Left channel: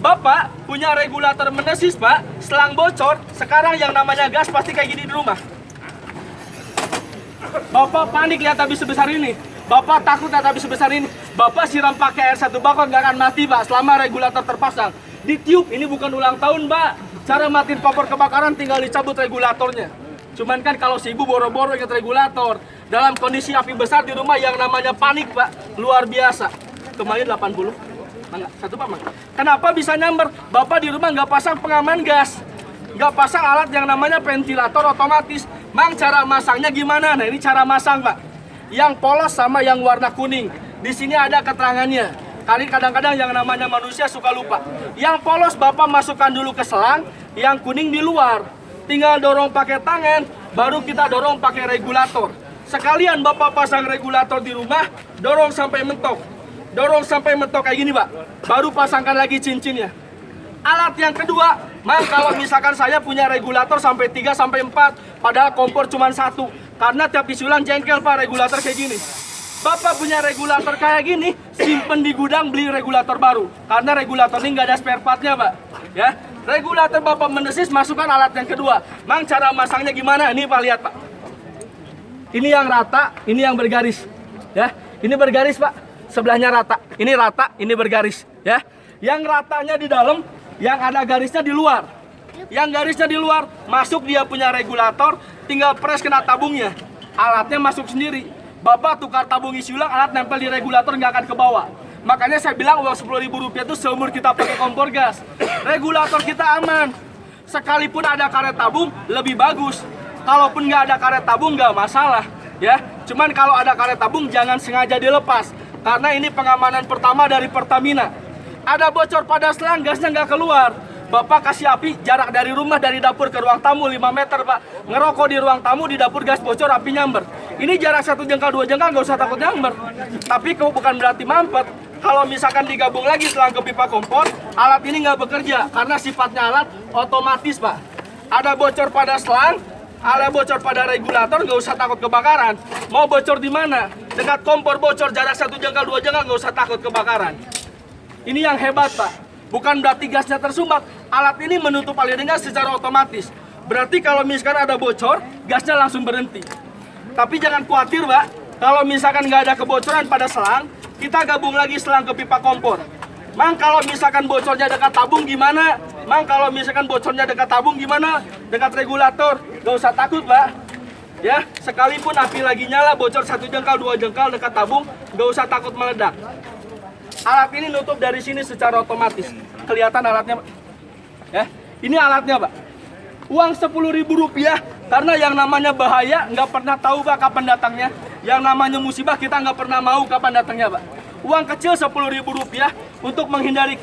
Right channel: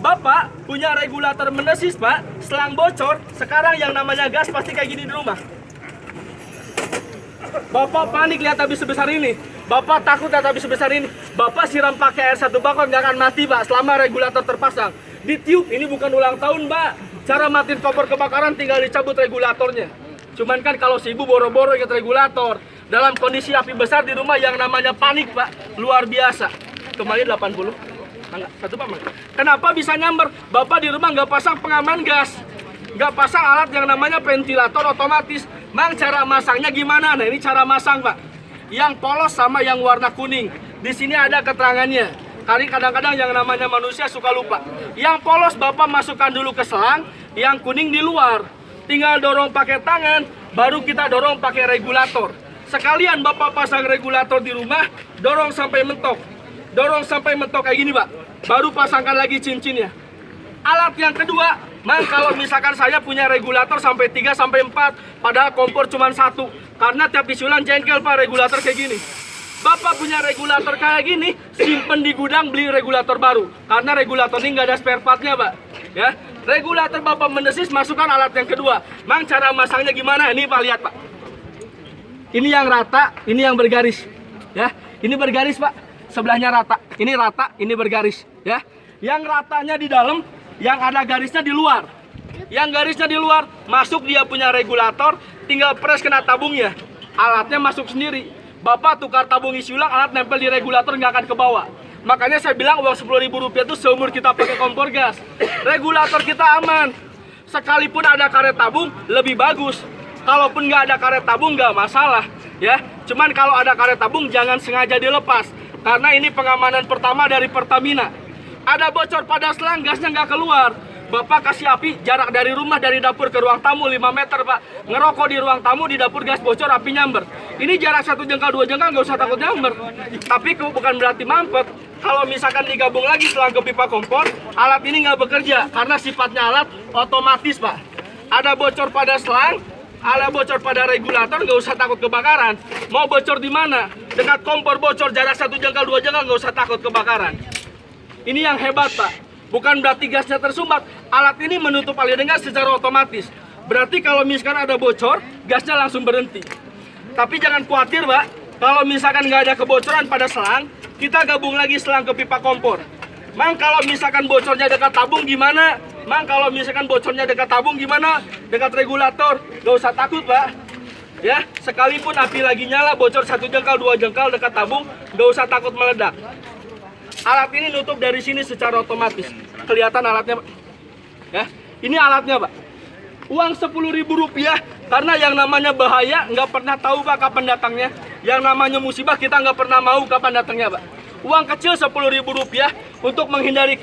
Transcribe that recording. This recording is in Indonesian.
Bapak punya regulator mendesis, Pak. Selang bocor, sekarang yang namanya gas pasti kayak gini di rumah. Bapak panik lihat api sebesar ini. Bapak takut lihat api sebesar ini. Bapak siram pakai air 1 bakon nggak akan mati, Pak, selama regulator terpasang. Ditiup, ini bukan ulang tahun, Pak. Cara matiin kompor kebakaran tinggal dicabut regulatornya. Cuman kan kalau si ibu boro-boro ingat regulator, dalam kondisi api besar di rumah yang namanya panik, Pak, luar biasa. Kemarin 80. Mangga, satu Pak, Mangga. Kenapa bisa nyamber? Bapak di rumah nggak pasang pengaman gas, nggak pasang alat yang namanya ventilator otomatis. Mang, cara masangnya gimana? Nah, ini cara masang, Pak. Yang polos sama yang warna kuning. Di sini ada keterangannya. Kali kadang-kadang yang namanya manusia suka lupa. Yang polos Bapak masukkan dulu ke selang, yang kuning di luar. Tinggal dorong pakai tangan, baru kita dorong pakai regulator. Sekalian Bapak pasang regulator di rumah, dorong sampai mentok. Dorong sampai mentok kayak gini, Pak. Baru pasangkan lagi cincinnya. Alat yang kedua, Mang, kalau misalkan saya punya regulator sampai 3 sampai 4, padahal kompor cuma 1. Karena tiap isi ulang jengkel, Pak, regulator kayak gini. Bapak punya regulator kayak gini, simpen di gudang, beli regulator baru. Karena regulator ini nggak ada spare partnya, Pak. Ya, regulator Bapak mendesis, masukkan alat yang kedua. Mang, cara masangnya gimana? Ini, Pak, lihat, Pak. Ini yang rata, ini yang bergaris. Ya, ini bergaris, Pak. Sebelahnya rata. Ini rata, ini bergaris. Ya, yang ratanya di dalam, yang ada garisnya di luar. Yang garisnya di luar, masuk dia punya regulator, tinggal press kena tabungnya. Alatnya masuk sendiri. Bapak tukar tabung isi ulang, alat nempel di regulator nggak akan ke bawah. Makanya saya bilang uang Rp10.000 itu seumur kita pakai kompor gas. Regulator kita aman. Sekalipun ada karet tabung, lebih bagus. Kalaupun nggak ada karet tabung, nggak masalah. Ya, cuman kalau ada karet tabung, jangan sengaja dilepas. Karena ini pengamanan pertama dari Pertamina. Ada bocor pada selang, gasnya nggak keluar. Bapak kasih api, jarak dari rumah, dari dapur ke ruang tamu 5 meter, Pak. Ngerokok di ruang tamu, di dapur gas bocor, api nyamber. Ini jarak 1 jengkal, 2 jengkal, nggak usah takut nyamber. Tapi bukan berarti mampet. Kalau misalkan digabung lagi selang ke pipa kompor, alat ini nggak bekerja. Karena sifatnya alat otomatis, Pak. Ada bocor pada selang, ada bocor pada regulator, nggak usah takut kebakaran. Mau bocor di mana? Dekat kompor bocor, jarak 1 jengkal, 2 jengkal, nggak usah takut kebakaran. Ini yang hebat, Pak. Bukan berarti gasnya tersumbat. Alat ini menutup aliran gas secara otomatis. Berarti kalau misalkan ada bocor, gasnya langsung berhenti. Tapi jangan khawatir, Pak. Kalau misalkan nggak ada kebocoran pada selang, kita gabung lagi selang ke pipa kompor. Mang, kalau misalkan bocornya dekat tabung gimana? Mang, kalau misalkan bocornya dekat tabung gimana? Dekat regulator, nggak usah takut, Pak. Ya, sekalipun api lagi nyala, bocor 1 jengkal, 2 jengkal dekat tabung, nggak usah takut meledak. Alat ini nutup dari sini secara otomatis. Kelihatan alatnya, Pak? Ya, ini alatnya, Pak. Uang Rp10.000, karena yang namanya bahaya nggak pernah tahu, Pak, kapan datangnya. Yang namanya musibah kita nggak pernah mau kapan datangnya, Pak. Uang kecil Rp10.000 untuk menghindari